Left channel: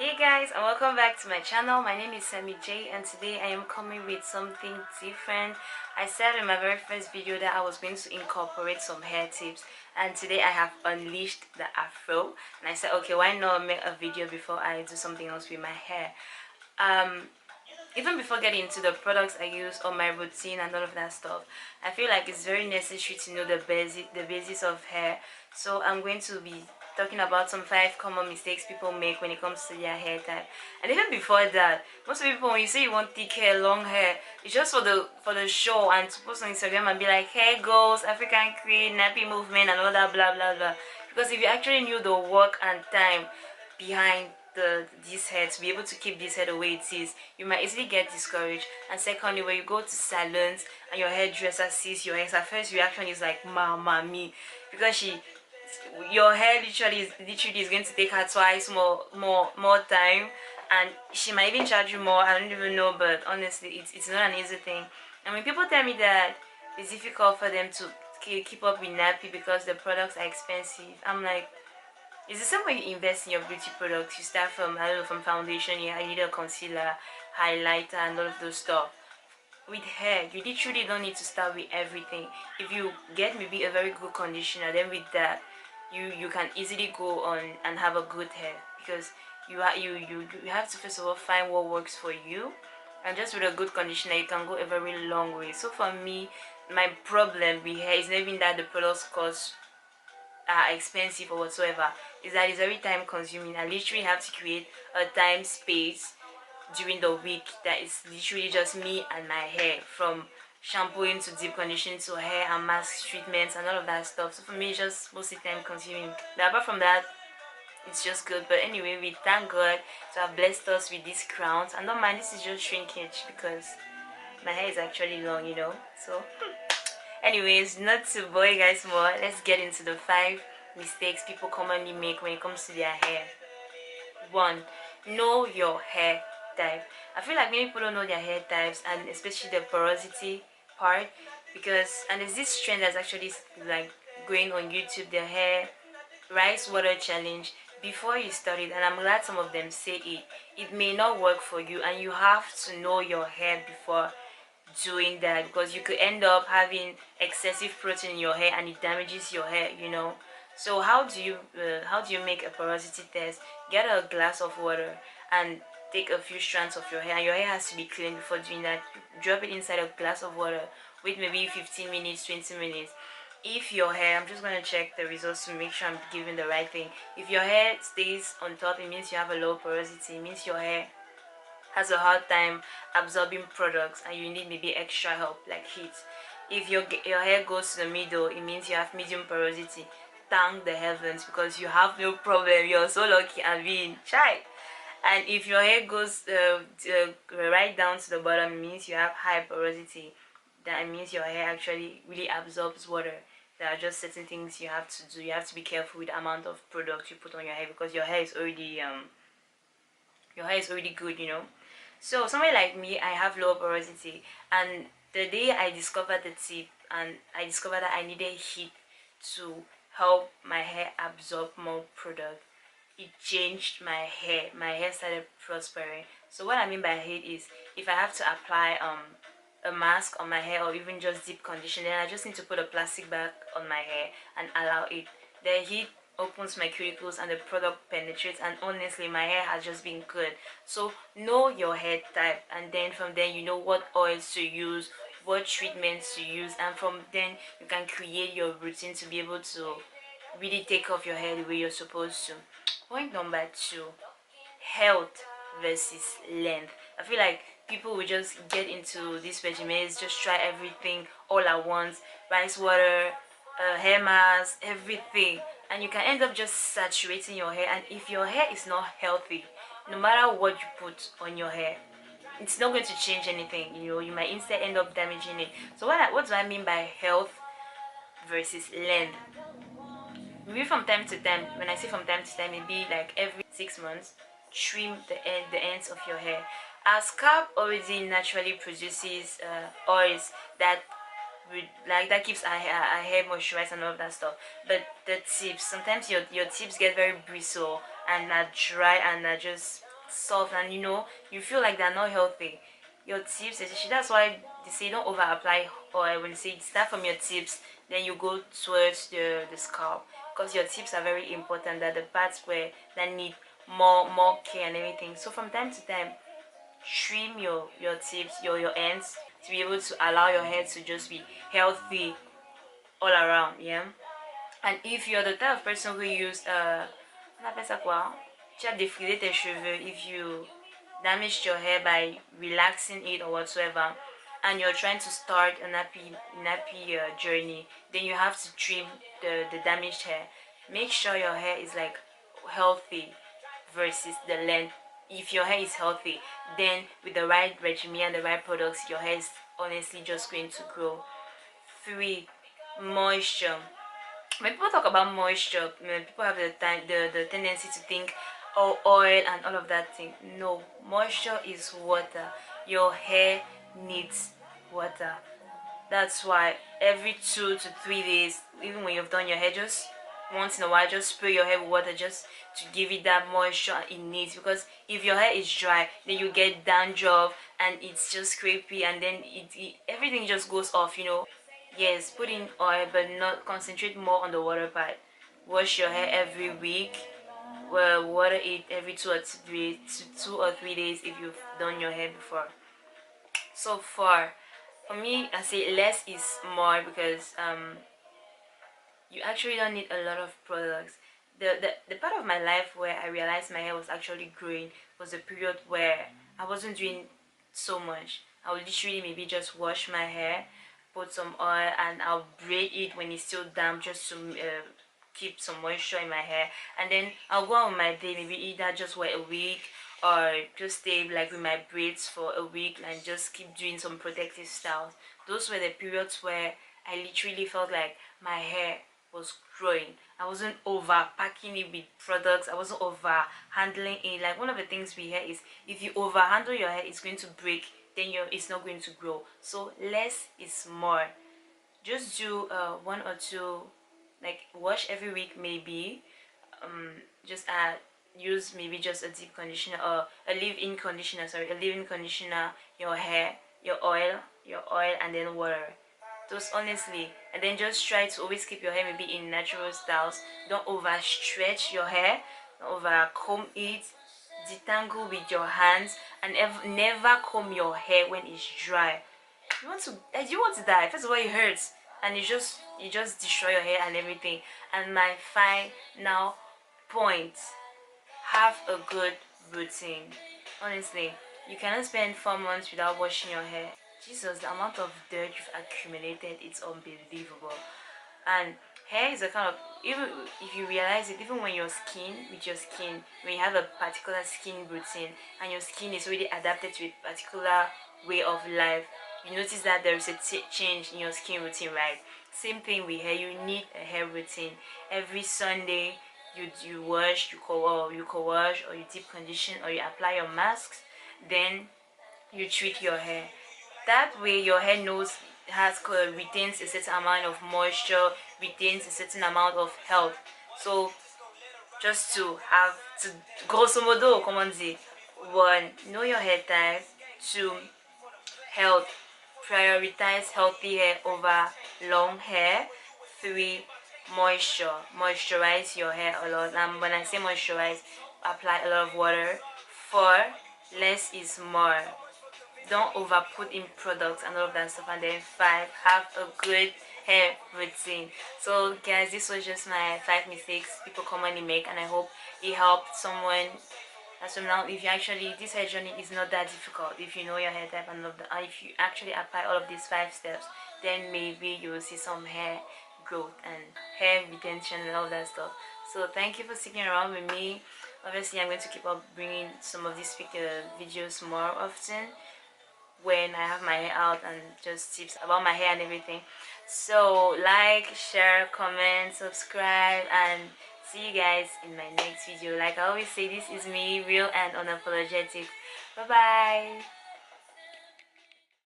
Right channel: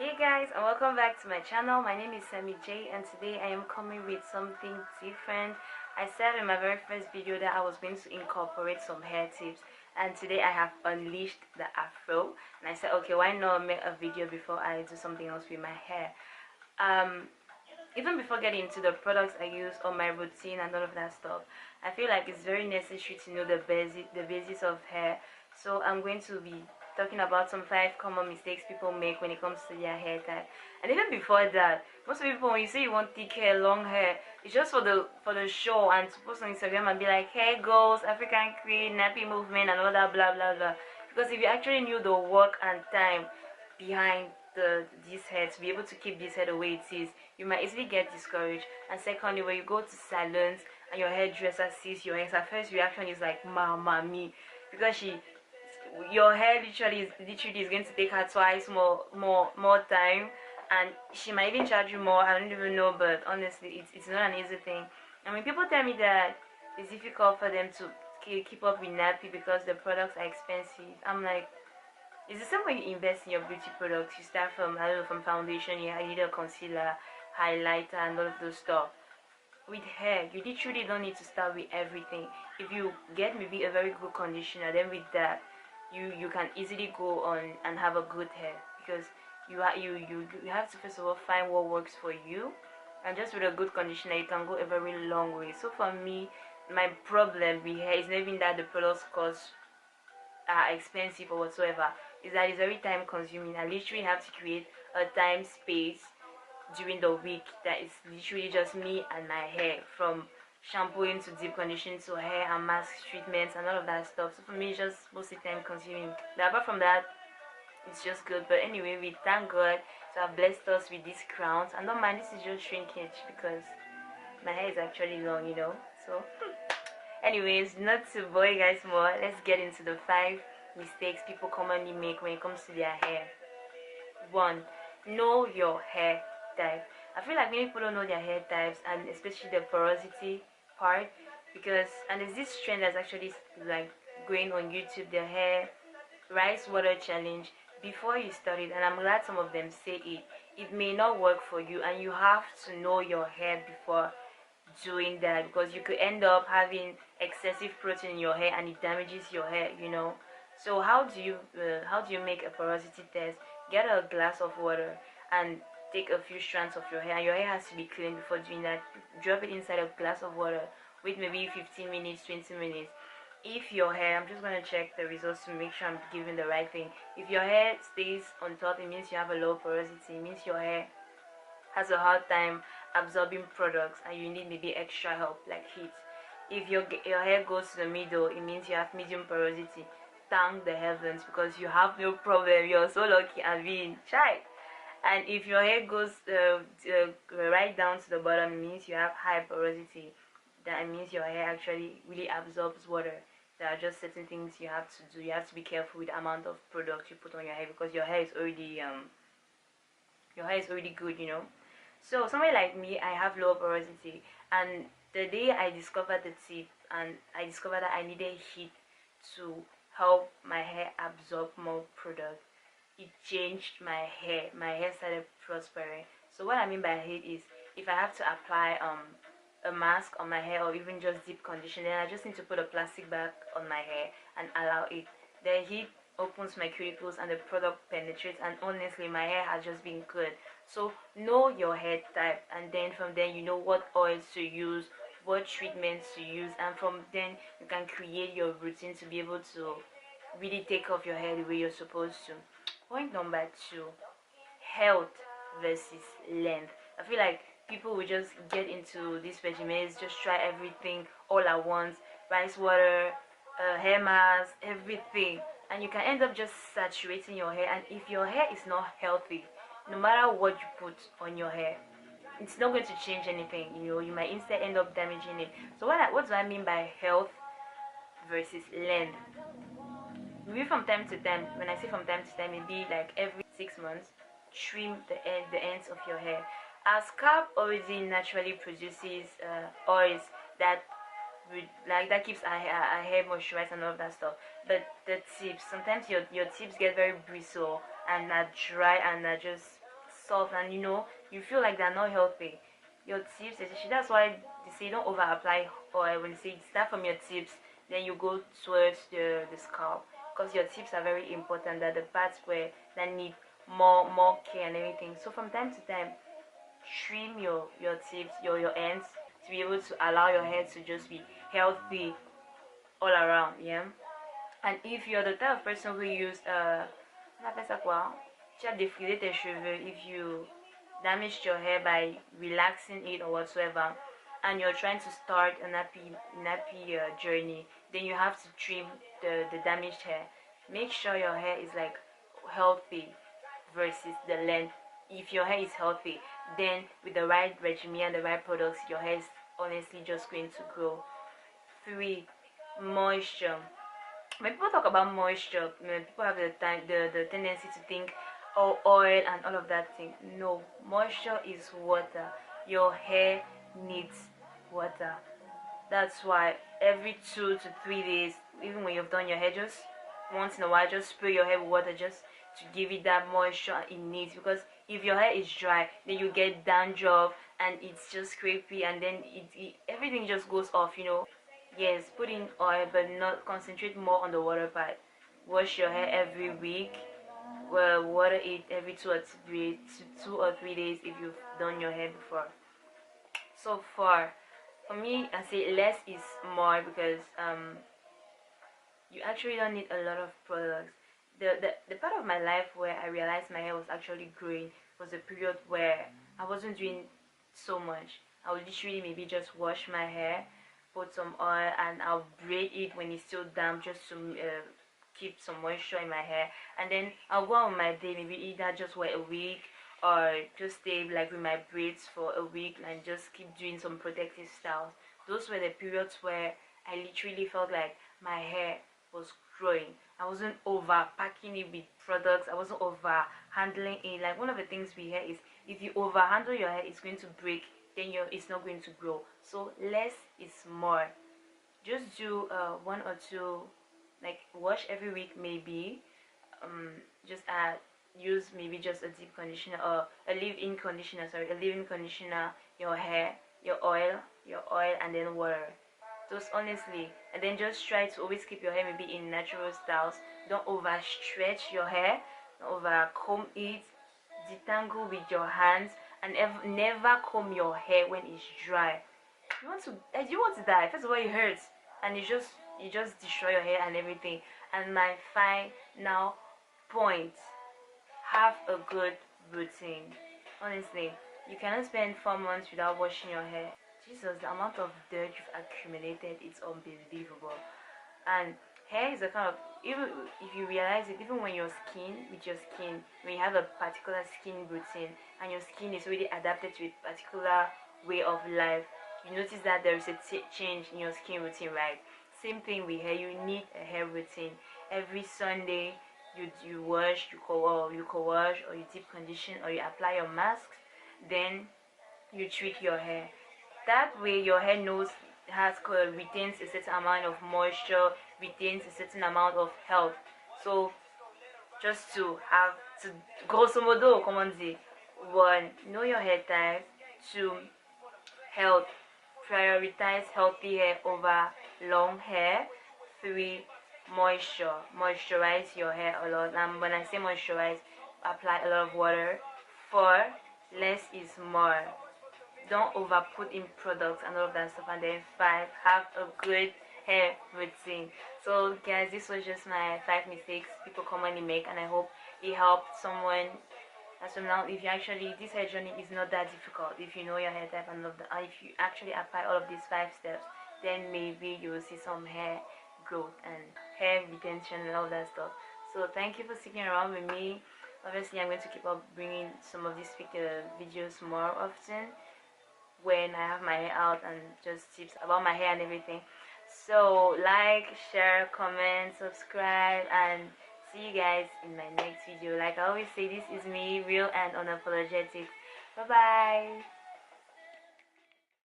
Hey guys, and welcome back to my channel. My name is Sammy J, and today I am coming with something different. I said in my very first video that I was going to incorporate some hair tips, and today I have unleashed the afro, and I said okay, why not make a video before I do something else with my hair. um Even before getting into the products I use or my routine and all of that stuff, I feel like it's very necessary to know the basis of hair. So I'm going to be talking about some 5 common mistakes people make when it comes to their hair type. And even before that, most people, when you say you want thick hair, long hair, it's just for the show and to post on Instagram and be like hair goals, African cream, nappy movement, and all that blah blah blah. Because if you actually knew the work and time behind this hair, to be able to keep this hair the way it is, you might easily get discouraged. And secondly, when you go to salons and your hairdresser sees your hair, her first reaction is like mama me, because your hair literally is going to take her twice more time, and she might even charge you more. I don't even know, but honestly it's not an easy thing. And when people tell me that it's difficult for them to keep up with nappy because the products are expensive, I'm like, it's the same way you invest in your beauty products. You start from, I don't know, from foundation, yeah, you need a concealer, highlighter, and all of those stuff. With hair, you literally don't need to start with everything. If you get maybe a very good conditioner, then with that, you can easily go on and have a good hair, because you have to first of all find what works for you, and just with a good conditioner, you can go a very long way. So for me, my problem with hair is not even that the products cost are expensive or whatsoever, is that it's very time consuming. I literally have to create a time space during the week that is literally just me and my hair, from shampooing to deep conditioning to hair and mask treatments and all of that stuff. So for me it's just mostly time consuming, but apart from that it's just good. But anyway, we thank God to have blessed us with these crowns, and don't mind, this is just shrinkage because my hair is actually long, so anyways, not to bore you guys more, let's get into the 5 mistakes people commonly make when it comes to their hair. 1. Know your hair type. I feel like many people don't know their hair types, and especially the porosity part, because and there's this trend that's actually like going on YouTube, the hair rice water challenge. Before you start it, and I'm glad some of them say it may not work for you, and you have to know your hair before doing that, because you could end up having excessive protein in your hair and it damages your hair. So how do you make a porosity test? Get a glass of water and take a few strands of your hair, and your hair has to be clean. Before doing that, you drop it inside a glass of water, wait maybe 15 minutes, 20 minutes. If your hair, I'm just going to check the results to make sure I'm giving the right thing. If your hair stays on top, it means you have a low porosity. It means your hair has a hard time absorbing products and you need maybe extra help like heat. If your hair goes to the middle, it means you have medium porosity. Thank the heavens, because you have no problem. You're so lucky and being shy. And if your hair goes right down to the bottom, it means you have high porosity. That means your hair actually really absorbs water. There are just certain things you have to do. You have to be careful with the amount of products you put on your hair, because your hair is already good. So somebody like me, I have low porosity, and the day I discovered the tip and I discovered that I needed heat to help my hair absorb more product, it changed my hair. My hair started prospering. So what I mean by heat is, if I have to apply a mask on my hair or even just deep conditioning, I just need to put a plastic bag on my hair and allow it. The heat opens my cuticles and the product penetrates, and honestly my hair has just been good. So know your hair type, and then from then you know what oils to use, what treatments to use, and from then you can create your routine to be able to really take off your hair the way you're supposed to. Point number 2: health versus length. I feel like people will just get into these regimens, just try everything all at once: rice water, hair mask, everything, and you can end up just saturating your hair. And if your hair is not healthy, no matter what you put on your hair, it's not going to change anything. You might instead end up damaging it. So what do I mean by health versus length? Maybe from time to time, when I say from time to time, maybe like every 6 months, trim the ends of your hair. Our scalp already naturally produces oils that that keeps our hair moisturized and all of that stuff. But the tips, sometimes your tips get very bristle and are dry and are just soft, and you feel like they're not healthy. Your tips, especially, that's why they say don't over apply oil. When they say start from your tips, then you go towards the scalp, because your tips are very important. That the parts where that need more care and everything. So from time to time, trim your tips, your ends, to be able to allow your hair to just be healthy all around. Yeah. And if you're the type of person who use on appelle ça quoi, tu as défrisé tes cheveux, if you damaged your hair by relaxing it or whatsoever, and you're trying to start a nappy journey, then you have to trim the damaged hair. Make sure your hair is like healthy versus the length. If your hair is healthy, then with the right regimen and the right products, your hair is honestly just going to grow. 3. Moisture. When people talk about moisture, people have the tendency to think, oh, oil and all of that thing. No, moisture is water. Your hair needs water. That's why every 2 to 3 days, even when you've done your hair, just once in a while, just spray your hair with water, just to give it that moisture it needs. Because if your hair is dry, then you get dandruff and it's just scrapey, and then everything just goes off. Yes, put in oil, but not concentrate more on the water part. Wash your hair every week. Well, water it every 2 or 3 days if you've done your hair before. So for me, I say less is more, because you actually don't need a lot of products. The part of my life where I realized my hair was actually growing was a period where I wasn't doing so much. I would literally maybe just wash my hair, put some oil, and I'll braid it when it's still damp, just to keep some moisture in my hair. And then I'll go on my day, maybe either just wear a wig, or just stay like with my braids for a week and just keep doing some protective styles. Those were the periods where I literally felt like my hair was growing. I wasn't over packing it with products. I wasn't over handling it. Like, one of the things we hear is, if you over handle your hair, it's going to break, then it's not going to grow. So less is more. Just do 1 or 2, like wash every week maybe. Just use maybe just a deep conditioner, or a leave-in conditioner, your hair, your oil, and then water. Those, honestly. And then just try to always keep your hair maybe in natural styles. Don't overstretch your hair, don't over comb it, detangle with your hands, and never comb your hair when it's dry. You want to die. First of all, it hurts, and you just destroy your hair and everything. And my final point: have a good routine. Honestly, you cannot spend 4 months without washing your hair. Jesus, the amount of dirt you've accumulated, it's unbelievable. And hair is a kind of, even if you realize it, even when when you have a particular skin routine, and your skin is already adapted to a particular way of life, you notice that there is a change in your skin routine, right? Same thing with hair. You need a hair routine. Every Sunday, you wash, you co-wash, or you deep condition, or you apply your masks. Then you treat your hair. That way your hair retains a certain amount of moisture, retains a certain amount of health. So, just to have to, grosso modo, come on, say, 1, know your hair type. 2, health, prioritize healthy hair over long hair. 3, moisturize your hair a lot. And when I say moisturize, apply a lot of water. 4, less is more. Don't over put in products and all of that stuff. And then 5, have a good hair routine. So guys, this was just my 5 mistakes people commonly make, and I hope it helped someone. As from now, if you actually, this hair journey is not that difficult. If you know your hair type and if you actually apply all of these 5 steps, then maybe you will see some hair growth and hair retention and all that stuff. So thank you for sticking around with me. Obviously, I'm going to keep up bringing some of these videos more often when I have my hair out, and just tips about my hair and everything. So like, share, comment, subscribe, and see you guys in my next video. Like I always say, this is me, real and unapologetic. Bye bye.